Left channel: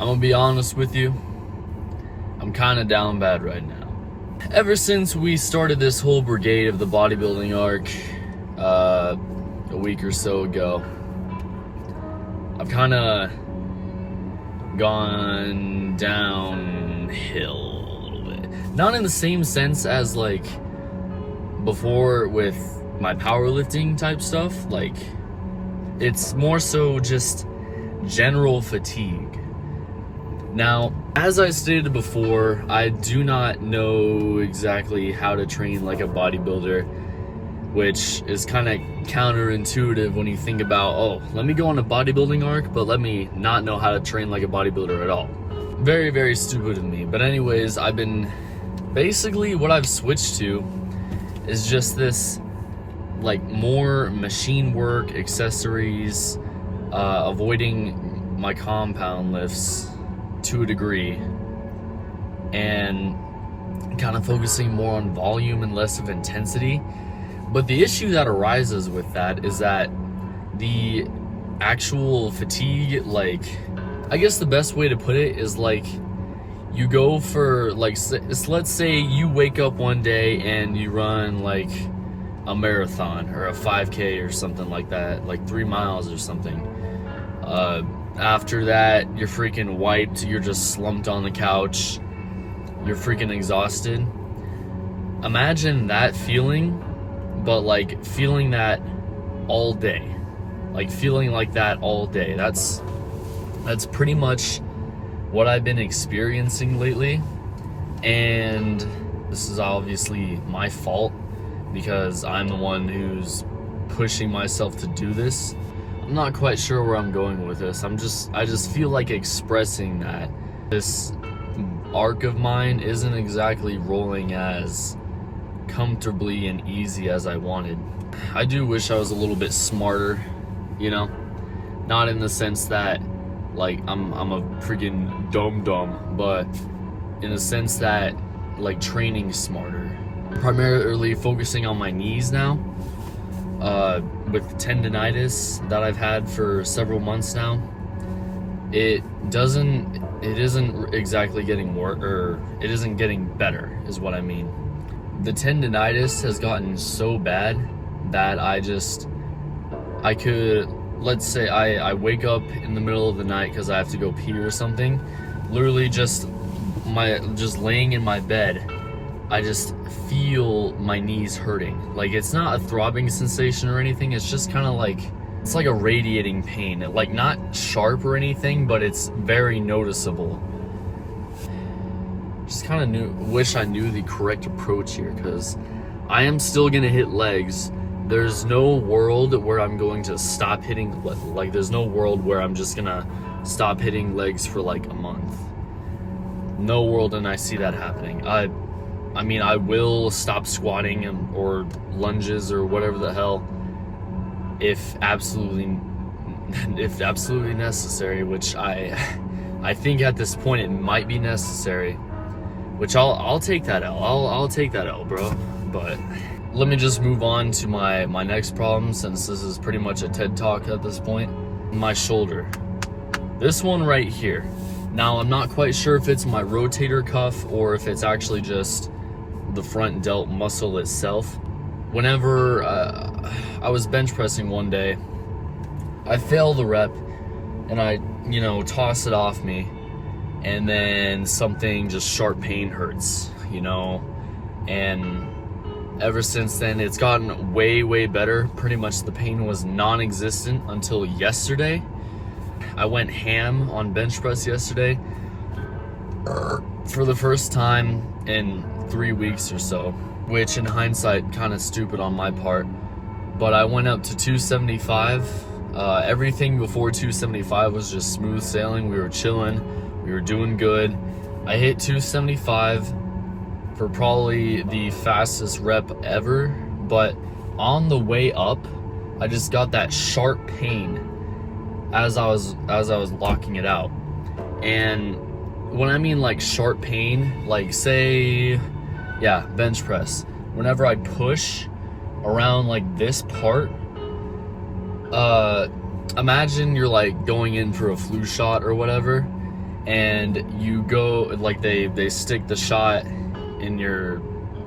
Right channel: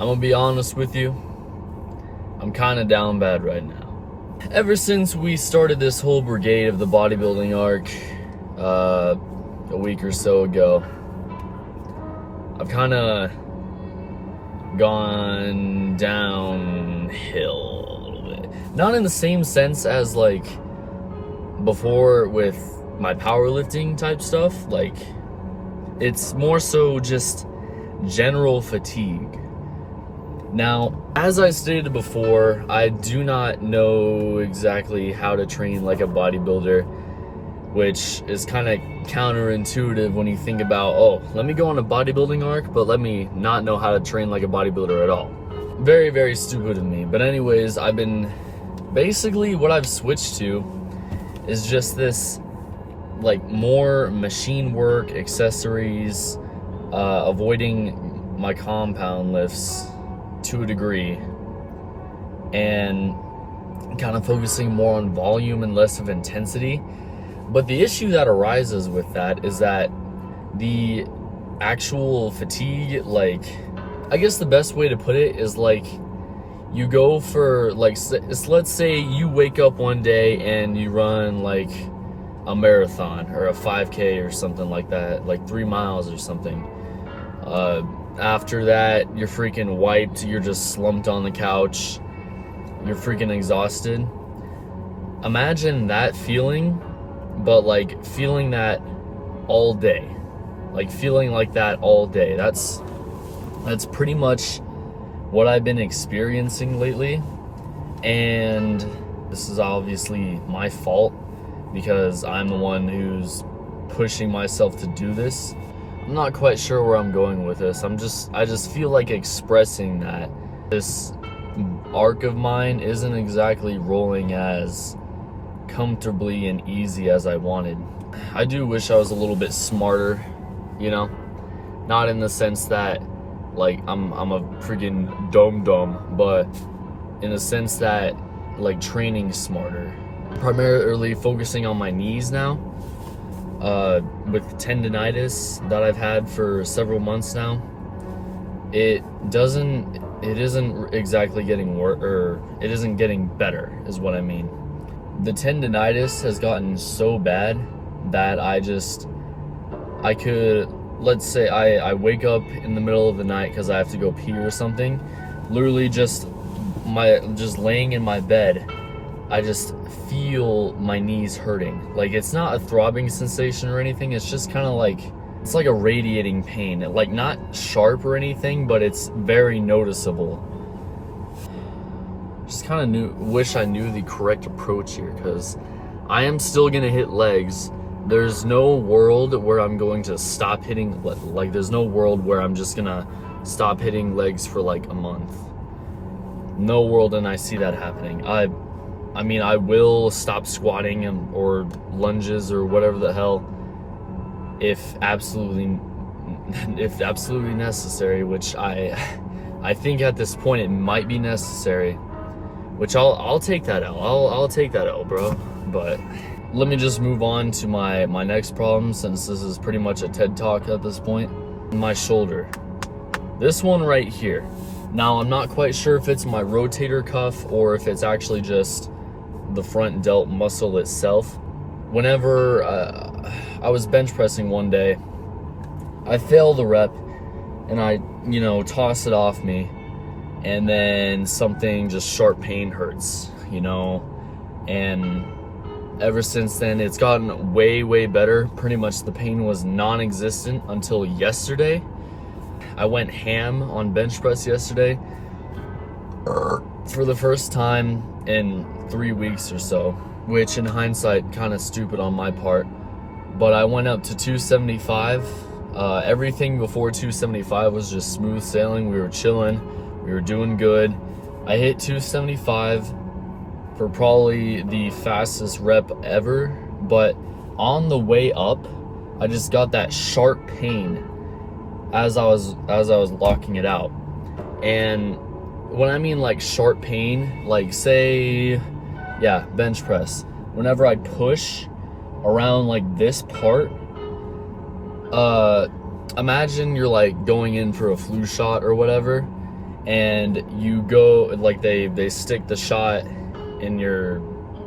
I'm gonna be honest with you, I'm kind of down bad right now. Ever since we started this whole brigade of the bodybuilding arc a week or so ago, I've kind of gone downhill a little bit. Not in the same sense as like before with my powerlifting type stuff. Like, it's more so just general fatigue. Now, as I stated before, I do not know exactly how to train like a bodybuilder, which is kind of counterintuitive when you think about, oh, let me go on a bodybuilding arc, but let me not know how to train like a bodybuilder at all. Very, very stupid of me. But anyways, basically what I've switched to is just this like more machine work, accessories, avoiding my compound lifts to a degree, and kind of focusing more on volume and less of intensity. But the issue that arises with that is that the actual fatigue, like, I guess the best way to put it is like, you go for like, let's say you wake up one day and you run like a marathon or a 5K or something like that, like 3 miles or something. After that, you're freaking wiped, you're just slumped on the couch, you're freaking exhausted. Imagine that feeling, but like feeling that all day. Like feeling like that all day. That's pretty much what I've been experiencing lately. And this is obviously my fault because I'm the one who's pushing myself to do this. I'm not quite sure where I'm going with this. I just feel like expressing that this arc of mine isn't exactly rolling as comfortably and easy as I wanted. I do wish I was a little bit smarter, you know? Not in the sense that like I'm a freaking dum-dum, but in the sense that like training smarter. Primarily focusing on my knees now. With tendinitis that I've had for several months now, it isn't exactly getting worse, or it isn't getting better is what I mean. The tendinitis has gotten so bad that let's say I wake up in the middle of the night because I have to go pee or something, literally just laying in my bed, I just feel my knees hurting. Like, it's not a throbbing sensation or anything, it's just kind of like, it's like a radiating pain. Like, not sharp or anything, but it's very noticeable. Just kind of wish I knew the correct approach here, because I am still gonna hit legs. There's no world where I'm going to stop hitting, like there's no world where I'm just gonna stop hitting legs for like a month. No world, and I see that happening. I mean, I will stop squatting or lunges or whatever the hell if absolutely necessary, which I think at this point it might be necessary, which I'll take that L. I'll take that L, bro. But let me just move on to my next problem, since this is pretty much a TED Talk at this point. My shoulder. This one right here. Now, I'm not quite sure if it's my rotator cuff or if it's actually just the front delt muscle itself. Whenever I was bench pressing one day, I fail the rep and I, toss it off me, and then something, just sharp pain hurts, and ever since then it's gotten way, way better. Pretty much the pain was non-existent until yesterday. I went ham on bench press yesterday for the first time in 3 weeks or so, which in hindsight kind of stupid on my part, but I went up to 275. Everything before 275 was just smooth sailing. We were chilling, we were doing good. I hit 275 for probably the fastest rep ever, but on the way up I just got that sharp pain as I was locking it out. And when I mean like sharp pain, like say, yeah, bench press, whenever I push around like this part, imagine you're like going in for a flu shot or whatever, and you go, like, they stick the shot in your,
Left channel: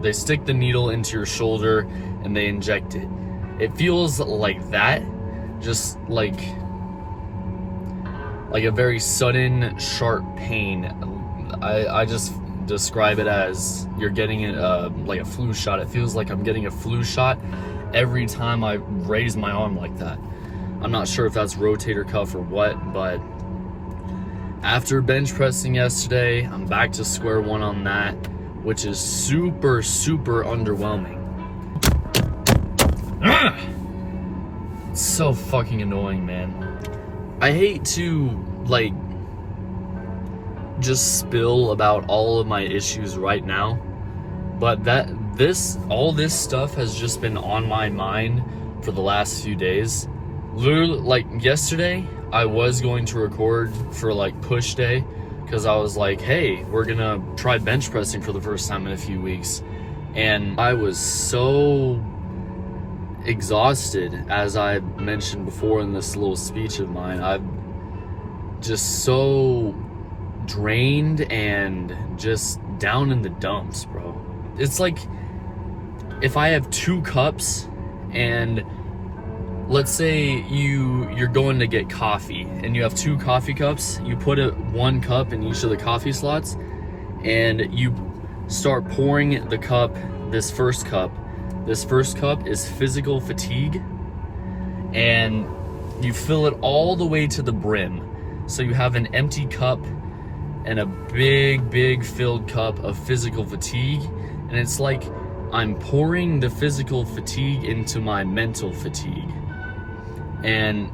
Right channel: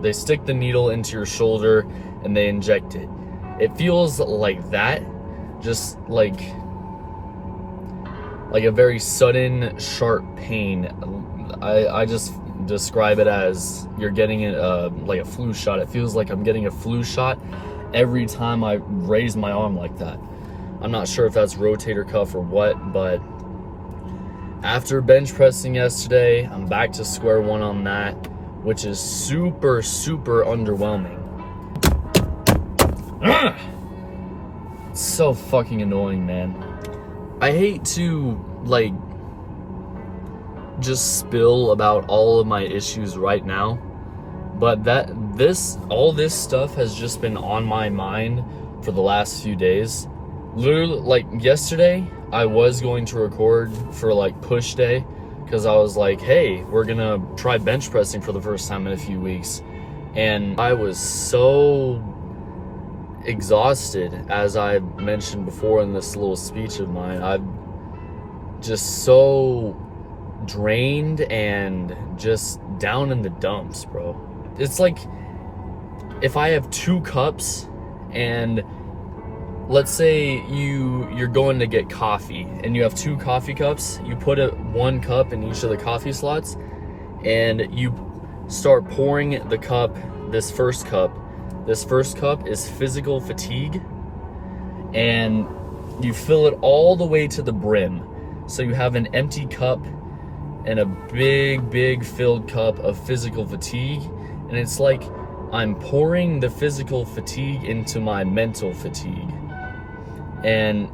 they stick the needle into your shoulder and they inject it. It feels like that, just like a very sudden, sharp pain. I just describe it as you're getting it like a flu shot. It feels like I'm getting a flu shot every time I raise my arm like that. I'm not sure if that's rotator cuff or what, but after bench pressing yesterday, I'm back to square one on that, which is super, super underwhelming. It's so fucking annoying, man. I hate to, like, just spill about all of my issues right now, but all this stuff has just been on my mind for the last few days. Literally, like, yesterday, I was going to record for, like, push day, because I was like, hey, we're gonna try bench pressing for the first time in a few weeks. And I was so exhausted, as I mentioned before in this little speech of mine. I'm just so drained and just down in the dumps, bro. It's like if I have 2 cups, and let's say you're going to get coffee and you have 2 coffee cups, you put 1 cup in each of the coffee slots and you start pouring the cup. This first cup is physical fatigue, and you fill it all the way to the brim. So you have an empty cup and a big filled cup of physical fatigue, and it's like I'm pouring the physical fatigue into my mental fatigue. And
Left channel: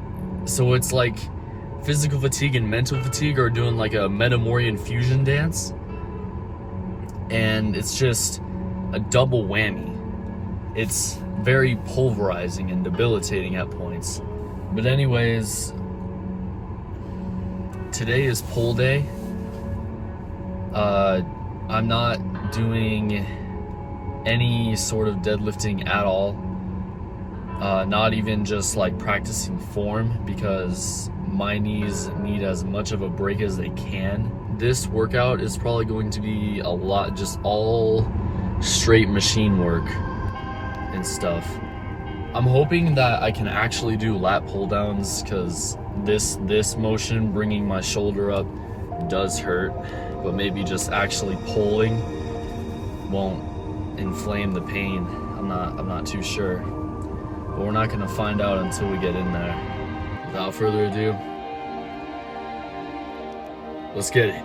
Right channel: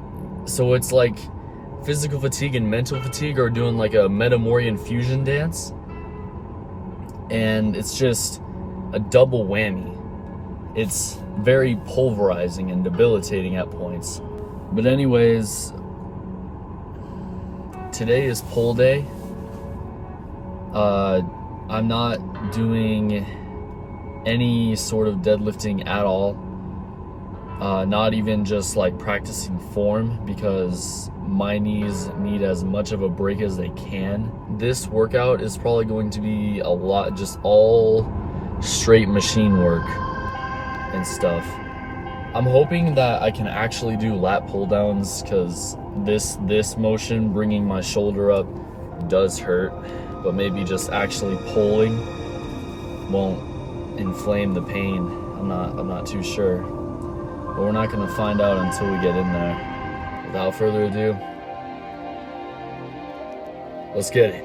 so it's like physical fatigue and mental fatigue are doing like a Metamorian fusion dance, and it's just a double whammy. It's very pulverizing and debilitating at points. But anyways, today is pull day. I'm not doing any sort of deadlifting at all. Not even just like practicing form, because my knees need as much of a break as they can. This workout is probably going to be a lot, just all straight machine work and stuff. I'm hoping that I can actually do lat pull downs, because this motion, bringing my shoulder up, does hurt, but maybe just actually pulling won't inflame the pain. I'm not too sure. But we're not gonna find out until we get in there. Without further ado, let's get it.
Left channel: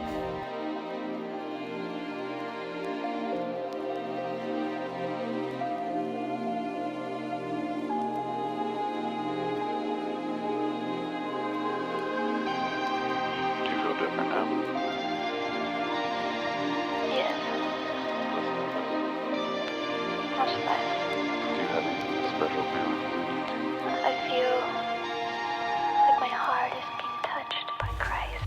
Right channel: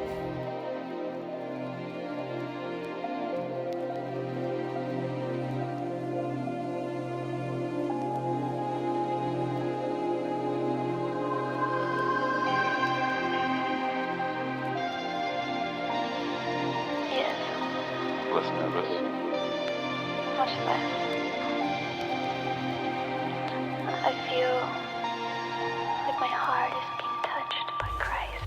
Yes. Less nervous. Much less. Special. I feel like my heart is being touched by Christ.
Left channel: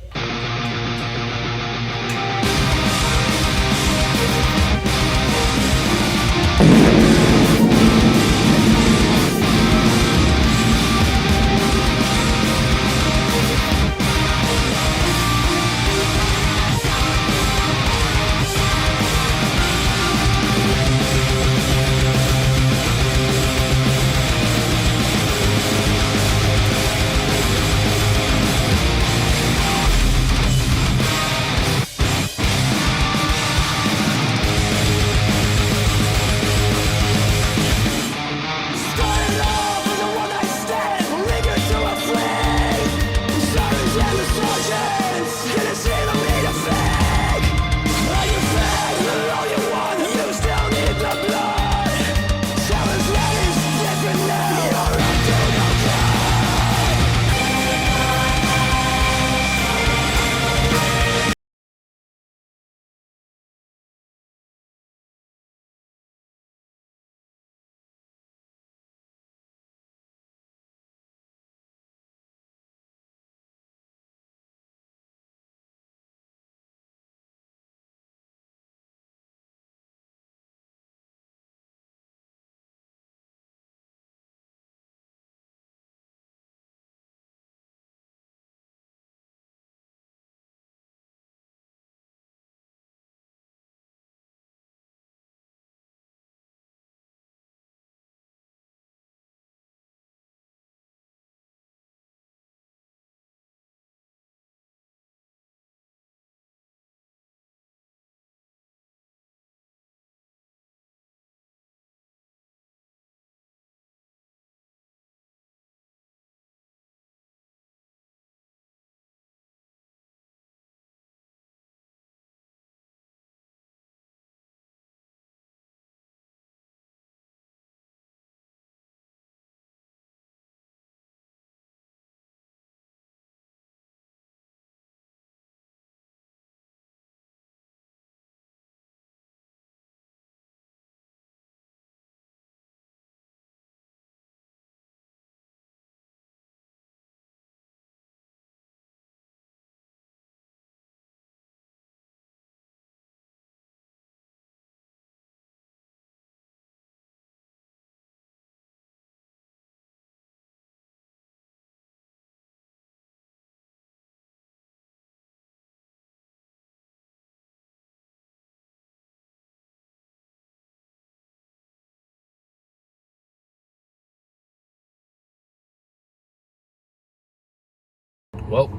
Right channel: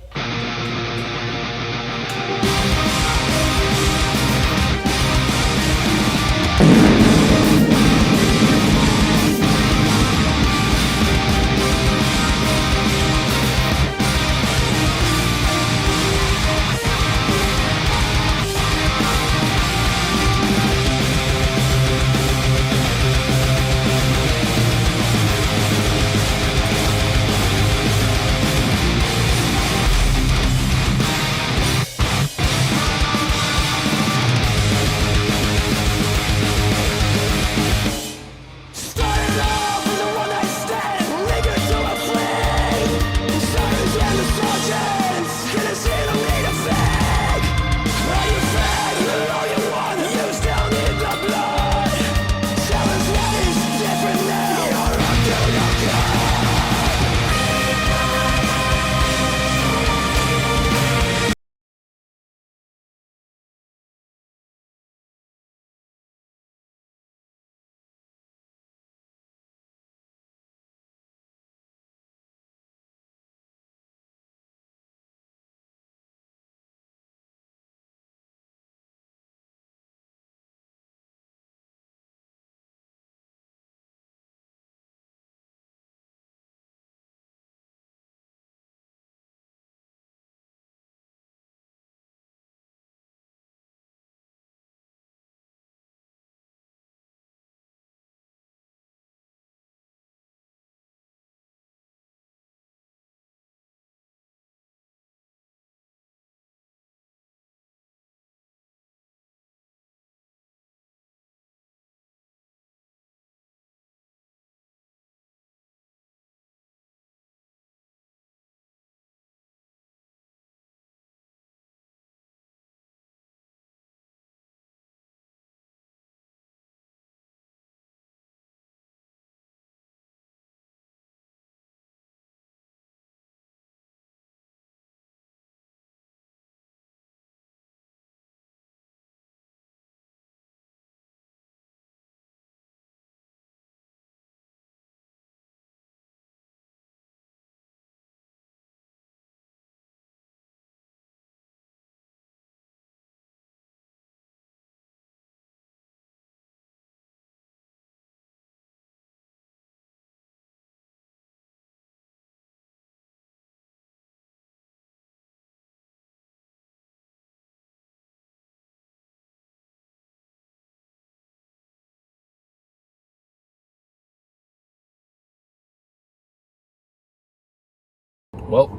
Well,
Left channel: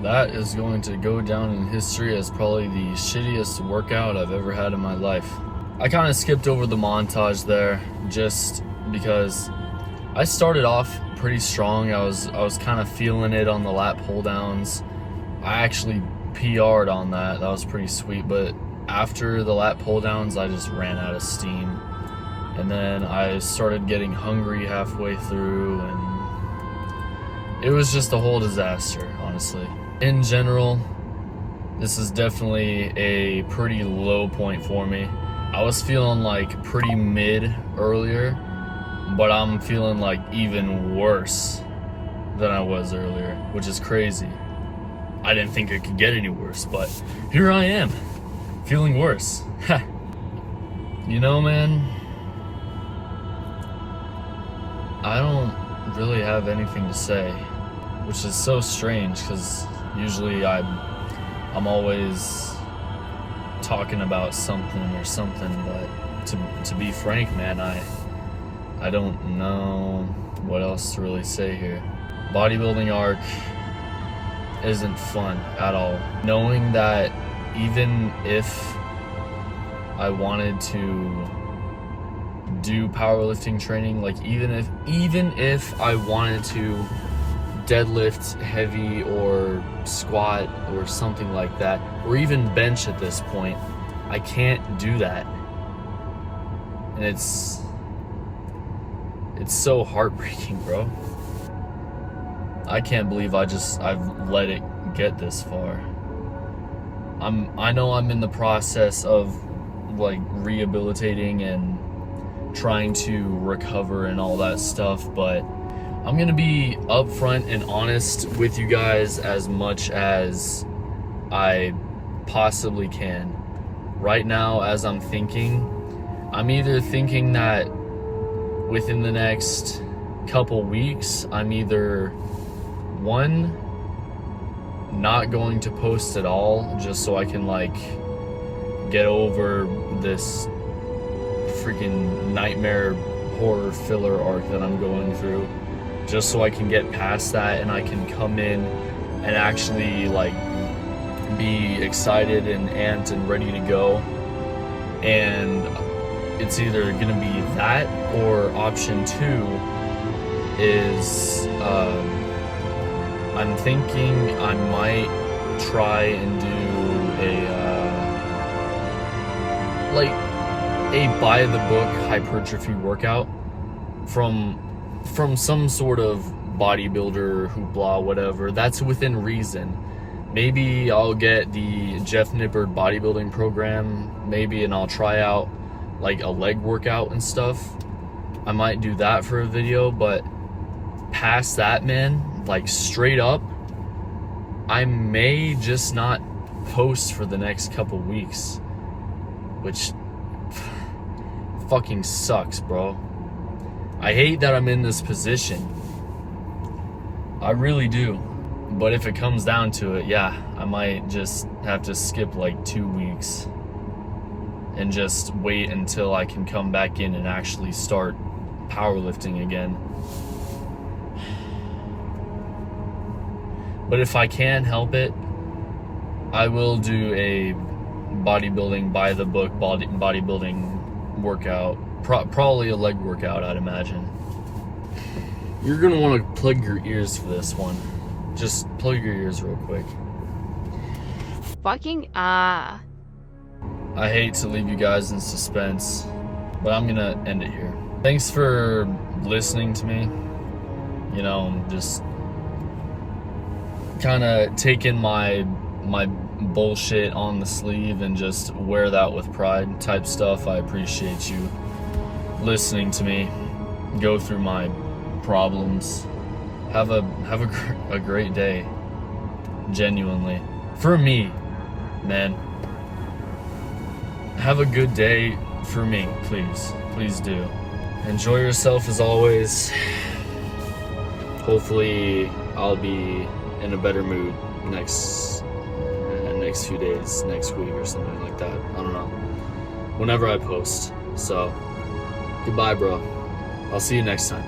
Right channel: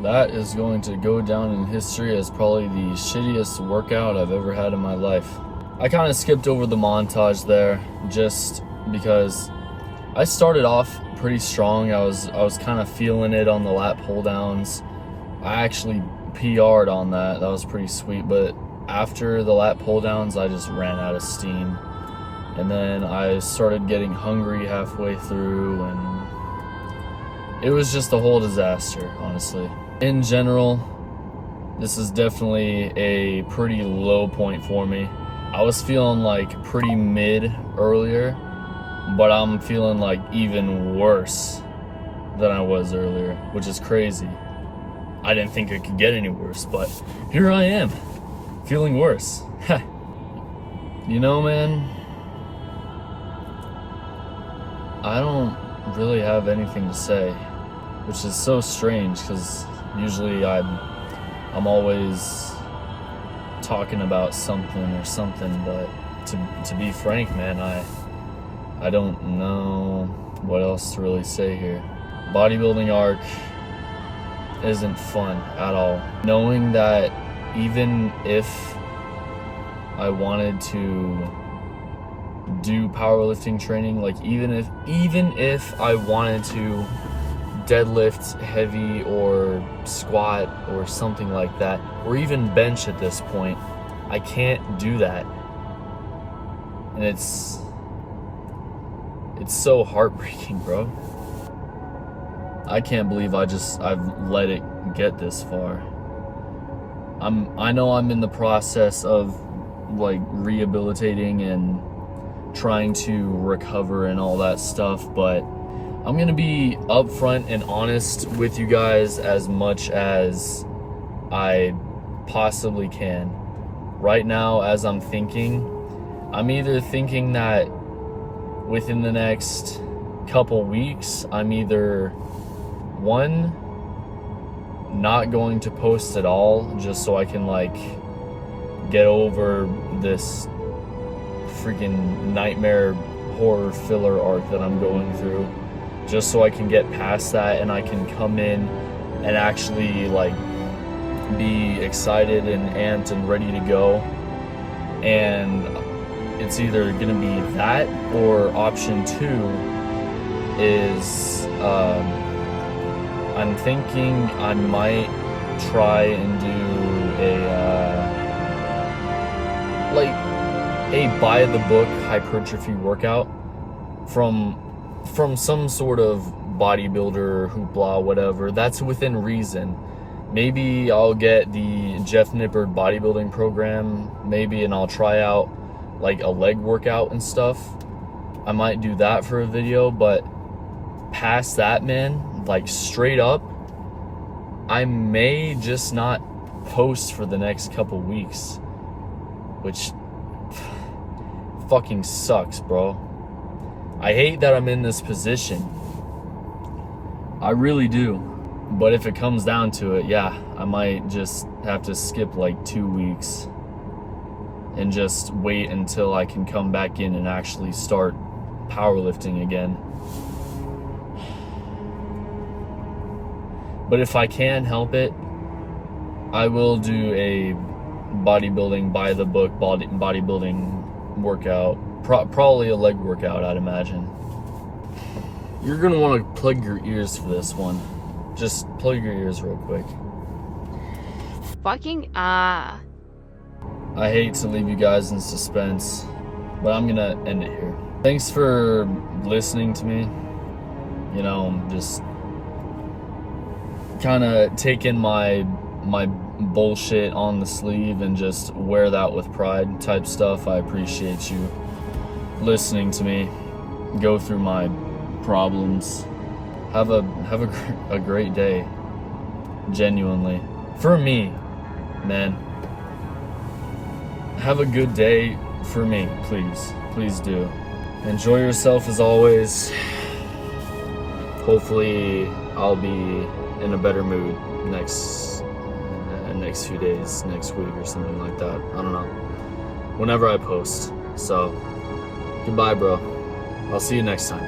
that is going to go down in history as probably the shittiest workout I've ever had in my life. I kind of skipped over the montage there just because I started off pretty strong. I was kind of feeling it on the lat pull downs. I actually PR'd on that. That was pretty sweet. But after the lat pull downs, I just ran out of steam. And then I started getting hungry halfway through, and it was just a whole disaster, honestly. In general, this is definitely a pretty low point for me. I was feeling like pretty mid earlier, but I'm feeling like even worse than I was earlier, which is crazy. I didn't think it could get any worse, but here I am, feeling worse. You know, man, I don't really have anything to say, which is so strange because usually I'm always talking about something, but to be frank, man, I don't know what else to really say here. Bodybuilding arc isn't fun at all. Knowing that even if I wanted to do powerlifting training, like even if I wanted to deadlift heavy or squat or something like that, or even bench at this point, I can't do that. And it's so heartbreaking, bro. I can't believe I've let it get this far. I know I'm in the process of like rehabilitating and trying to recover and all that stuff, but I'm gonna be upfront and honest with you guys as much as I possibly can. Right now, as I'm either thinking that within the next couple weeks, I'm either one, not going to post at all, just so I can like get over this freaking nightmare horror filler arc that I'm going through, just so I can get past that and I can come in and actually like be excited and amped and ready to go. And it's either gonna be that, or option two is I'm thinking I might try and do a by the book hypertrophy workout from some sort of bodybuilder, hoopla, whatever, that's within reason. Maybe I'll get the Jeff Nippard bodybuilding program, maybe, and I'll try out like a leg workout and stuff. I might do that for a video, but past that, man, like straight up, I may just not post for the next couple weeks, which fucking sucks, bro. I hate that I'm in this position. I really do. But if it comes down to it, yeah, I might just have to skip like 2 weeks and just wait until I can come back in and actually start powerlifting again. But if I can help it, I will do a bodybuilding by the book bodybuilding workout, probably a leg workout, I'd imagine. You're gonna want to plug your ears for this one. Just plug your ears real quick. I hate to leave you guys in suspense, but I'm gonna end it here. Thanks for listening to me. You know, just kind of taking my bullshit on the sleeve and just wear that with pride type stuff. I appreciate you listening to me go through my problems. Have a great day. Genuinely, for me, man. Have a good day for me, please do. Enjoy yourself as always. Hopefully I'll be in a better mood next few days, next week or something like that. I don't know, whenever I post. So goodbye, bro. I'll see you next time.